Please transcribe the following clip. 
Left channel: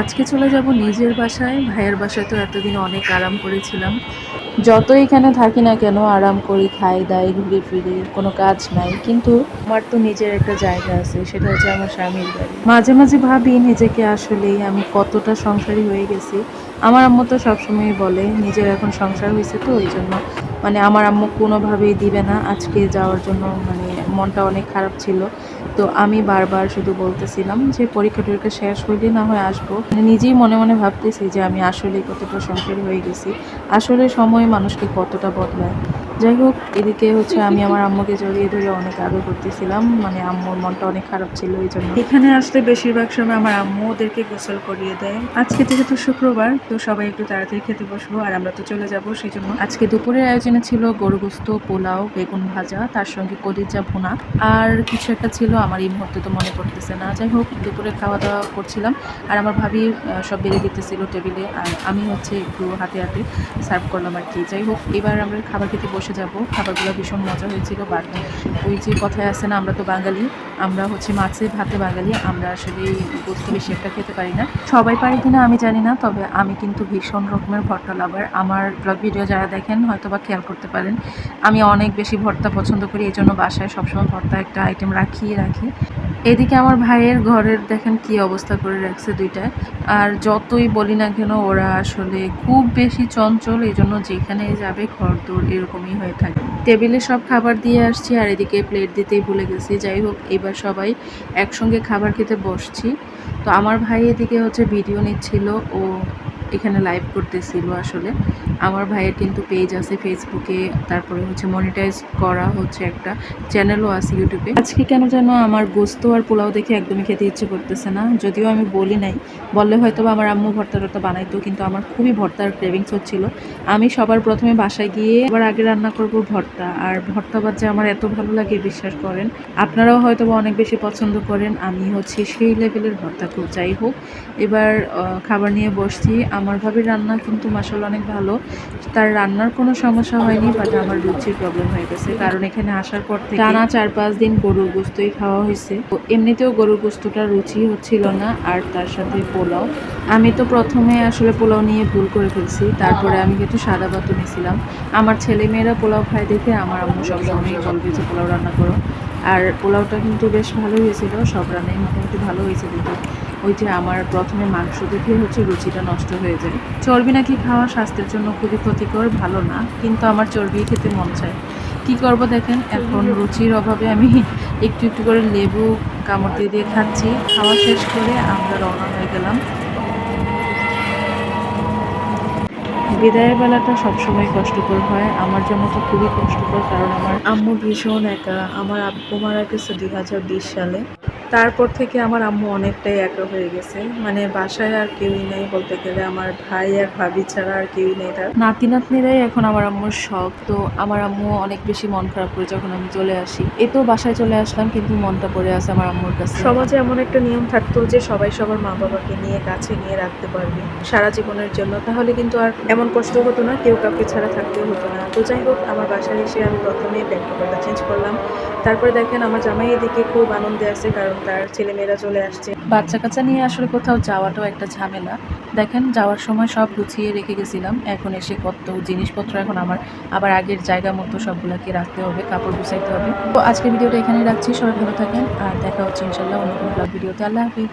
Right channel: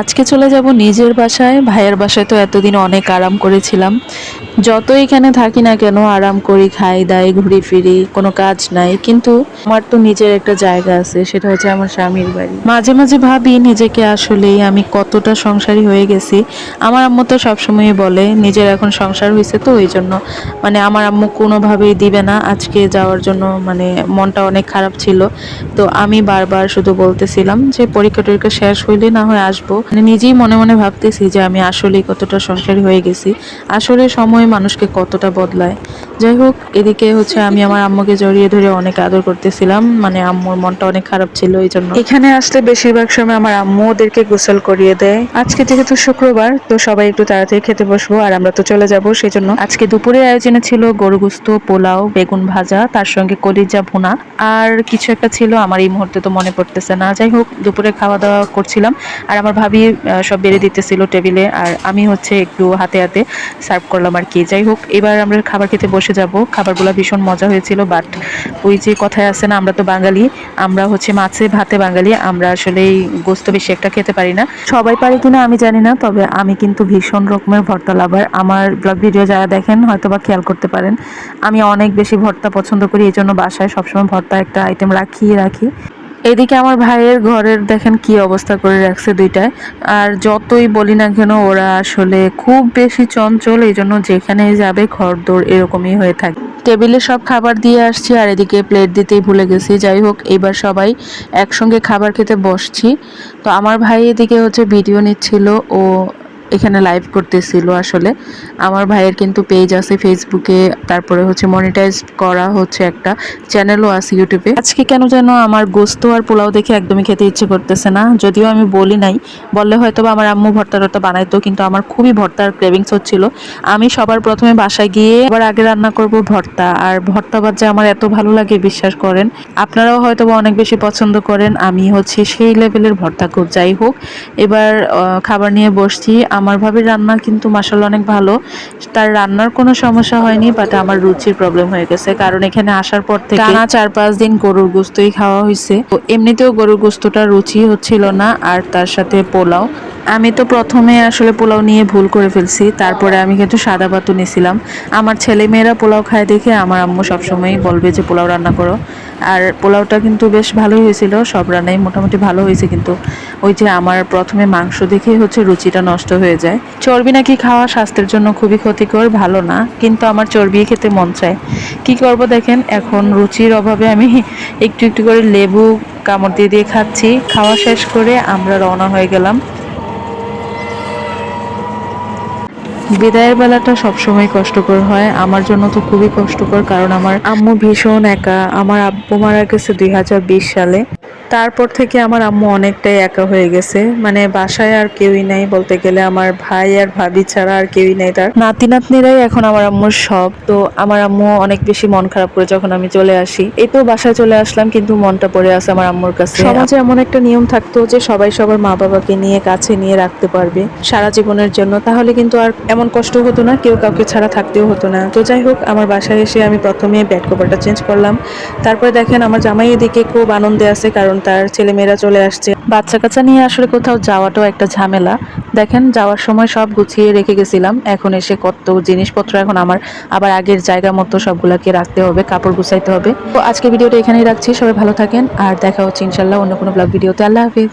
আজকে চলে যাব নিজের বাসায়। ভাইয়ের বাসায় তো এতদিন অনেক আরাম করেছিলাম। যত এখানে থাকি না কেন আরাম করি, খাই দাই, ঘুরি ফিরি, কোনো কাজ নাই, কিন্তু আমার তো নিজের একটা জায়গা আছে, সেটা হচ্ছে আমার স্বামীর বাড়ি। মাঝে মাঝে ভাবি নিজেকে আসলেই আমি কতটা সংসারী হয়ে গেছি। আমার আম্মু তো সবসময় বলে নিজের এখন সংসার হয়েছে তো ওই জন্য মানে আমার আম্মু কোনোভাবেই দিবে না আজকে যাওয়ার জন্য, মানে মনটা অনেক খারাপ ছিল। তো আমি বারবার শুধু বলতেছিলাম যে পরীক্ষা টরীক্ষা শেষ হইলে না হয় আসবো, মানে নিজেই মনে মনে ভাবতেছি যে আমি আসলেই কতটা সংসারী হয়ে গেছি। আসলে সময় মানুষকে কতটা বদলায়। যাই হোক, এদিকে হচ্ছে আমি আমার আম্মুকে জড়িয়ে ধরে অনেক আদর করতেছিলাম, মানে আম্মুর মনটা অনেক খারাপ ছিল এই জন্য। এখানে আসলে বেশিরভাগ সময় আমার আম্মু ওদেরকে গোসল করিয়ে দেয়। আজকে যেহেতু শুক্রবার, তো সবাই একটু তাড়াতাড়ি খেতে বসবো আর আমরা তো চলে যাব, সেই জন্য আজকে দুপুরের আয়োজনে ছিল গরু গোস্ত, পোলাও, বেগুন ভাজা, তার সঙ্গে কলিজা ভুনা আর কিছু একটা ছিল, আমার এই মুহূর্তে তো মনে পড়তেছে না। যাই হোক, দুপুরে খাওয়া দাওয়া করছিলাম আর আমার ভাবি সব বেড়ে দিতেছিল টেবিলে, আর আমি হচ্ছে একটু হাতে হাতে সার্ভ করলাম আর কি। যাই হোক, এবার আমরা খাবার খেতে বসে যাব। খাবারগুলো ভীষণ মজা হয়েছিল, বাট ওই যে কথায় আছে না, আমরা তো বাঙালি, আমরা হচ্ছে মাছে ভাতে বাঙালি, আমরা আসলে এই গোস্ত বেশি একটা খেতে পারি না। সবাই পারে কিনা আমি জানি না, তবে আমি কিন্তু ভীষণ রকমের ভর্তা লাভার। আমার ব্লগ ভিডিও যারা দেখেন হয়তো বা খেয়াল করতে পারেন, আমি অনেক বেশি ভর্তা পছন্দ করি, এই জন্য বাসায় সবসময় ভর্তা একটা আইটেম রাখি। এদিকে আমার ভাইয়ের ঘরের দেখেন কি অবস্থা করে রাখছে দুইটায়। আর যতই বলি না কেন ওরা আসলে খুব বেশি চঞ্চল, এই জন্য যেখানে যাবে ঘরদোর এরকমই হয়ে থাকে। টেবিলে সব খাবার দিয়ে আসছি আর এদিকে প্লেট দিতেই ভুলে গেছি। যাই হোক, এবার সবাই একসঙ্গে খাবার খেতে বসছি। তো আমার ভাই এদিকে হচ্ছে ভিডিও নিচ্ছিল, ও এখানে লাইভ করতেছিল। আসলে আমার ভাইয়ের কিন্তু পেজ আছে ফেসবুকে, তারপরে হচ্ছে মনিটাইজ করা হচ্ছে একটা চ্যানেলও আছে ইউটিউবে। আজকে কেন যেন আমার গোস্ত আর পোলাও দেখে একদমই খেতে ইচ্ছে করতেছে না, যদিও আমি বলি নাই, বললে হয়তো বা আমার আম্মু ভর্তা টর্তা বানাইতো, কিন্তু আমার খুবই ভর্তার ক্রেভিংস হচ্ছিল। আমি সবার প্রথমে বাসায় গিয়ে আবার আগে রান্না করব ভর্তা, আর ভর্তা ভাজা আমার এত ভালো লাগে বিশ্বাস করেন। আপনারাও হয়তো বা অনেক বেশি পছন্দ করেন, আমি হচ্ছে সেই লেভেলের ভর্তা খুব। যাই হোক, এবার খাবার নিয়ে বসছি। আমার ভাবির রান্না কিন্তু মাশাআল্লাহ অনেক ভালো, তার রান্নার কোনো সমস্যা হয়নি, বাট আমার রুচির প্রবলেম হয়ে গেছে, কারণ এখানে আসার পর থেকে টানা 4-5 দিন গরুর গোস্তই খাওয়া হয়েছে। তো এমনিতেও গরুর গোস্তটা রুচি হচ্ছিল না, আর তার সাথে পোলাও। আমি তো প্রথমে আসলে পোলাও নিয়ে ভুল করে ফেলছি, তারপরে আমি কিন্তু সাদা ভাতও নিয়েছিলাম। আমার ছেলে মেয়েরা পোলাও খায় দেখে আমার আম্মু সবসময় বলবে যে পোলাও রান্না করো। আর পোলাওটা কিন্তু বেশ ভালোই হয়েছিল, সব রান্নাই মোটামুটি ভালো হয়েছে, কিন্তু ওই যে আমার প্রথমে মাংস দেখেই হচ্ছে রুচিটা নষ্ট হয়ে যায়। চর্বি নাকি খাওয়া স্বাস্থ্যের জন্য খুবই ক্ষতিকর, ভালো না, কিন্তু আমার চর্বি খেতে মন চায়। কি করব দেখেন, এখন রুচির অভাবে আমি একটু একটু করে লেবু কামড় দিয়ে দিয়ে খাচ্ছি। খাওয়া শেষ করে আমরা রওনা হয়ে গেলাম। বিদায়ের বেলাটা সবসময় কষ্টকর হয়, আমার জন্য তো খুবই কষ্টকর, কারণ আমার আম্মু ভীষণ একা। আমার আব্বু মারা গেছে 2020 সালে। তারপর থেকে আমার আম্মু অনেকটাই একা হয়ে গেছে, মানে বাসায় আর কেউই নাই বলতে গেলে, আমার ভাই আর ভাবি ছাড়া আর কেউই নাই, তার নাতি নাতনিরাই এখন আমার আম্মুর সব। তো আমার আম্মু অনেক বেশি মন খারাপ করে যখন আমি চলে আসি। এই তো বাসায় চলে আসলাম, কিন্তু মনটা পড়ে আছে আমার আম্মুর কাছে। সমাজে এমন একটা নিয়ম থাকতো যে সবাই সবার মা বাবাকে নিয়ে কাছে নিয়ে রাখতে পারবে সারা জীবনের জন্য, তাহলে কিন্তু আর এমন কষ্ট হতো না, কেউ কাউকে ছাড়া থাকতেও হতো না। তো যাই হোক, আমার বাসায় এসে আমি প্রথমে বেড কভারটা চেঞ্জ করলাম। তারপরে দেখেন আমার জামাই এদিকে খুব আনন্দে আছে, কারণ তার ছেলে মেয়েরা চলে আসছে। বাচ্চা কাচ্চা নিয়ে আসলে কোথাও যাওয়াটাও একটা ঝামেলা। দেখেন যাওয়ার সময় সব গুছিয়ে রেখে গেছিলাম, এখন এসে কত জিনিসপত্র এখন আমার আবার আগের জায়গা মতো সবগুলাকে রাখতে হবে, কাপড় গুছাইতে হবে। তো আজকে ভিডিওটা এখানেই রাখছি, সবাই ভালো থাকেন আর দেখা হচ্ছে ইনশাল্লাহ অন্য কোনো ব্লগ ভিডিওতে। আল্লাহ হাফিজ।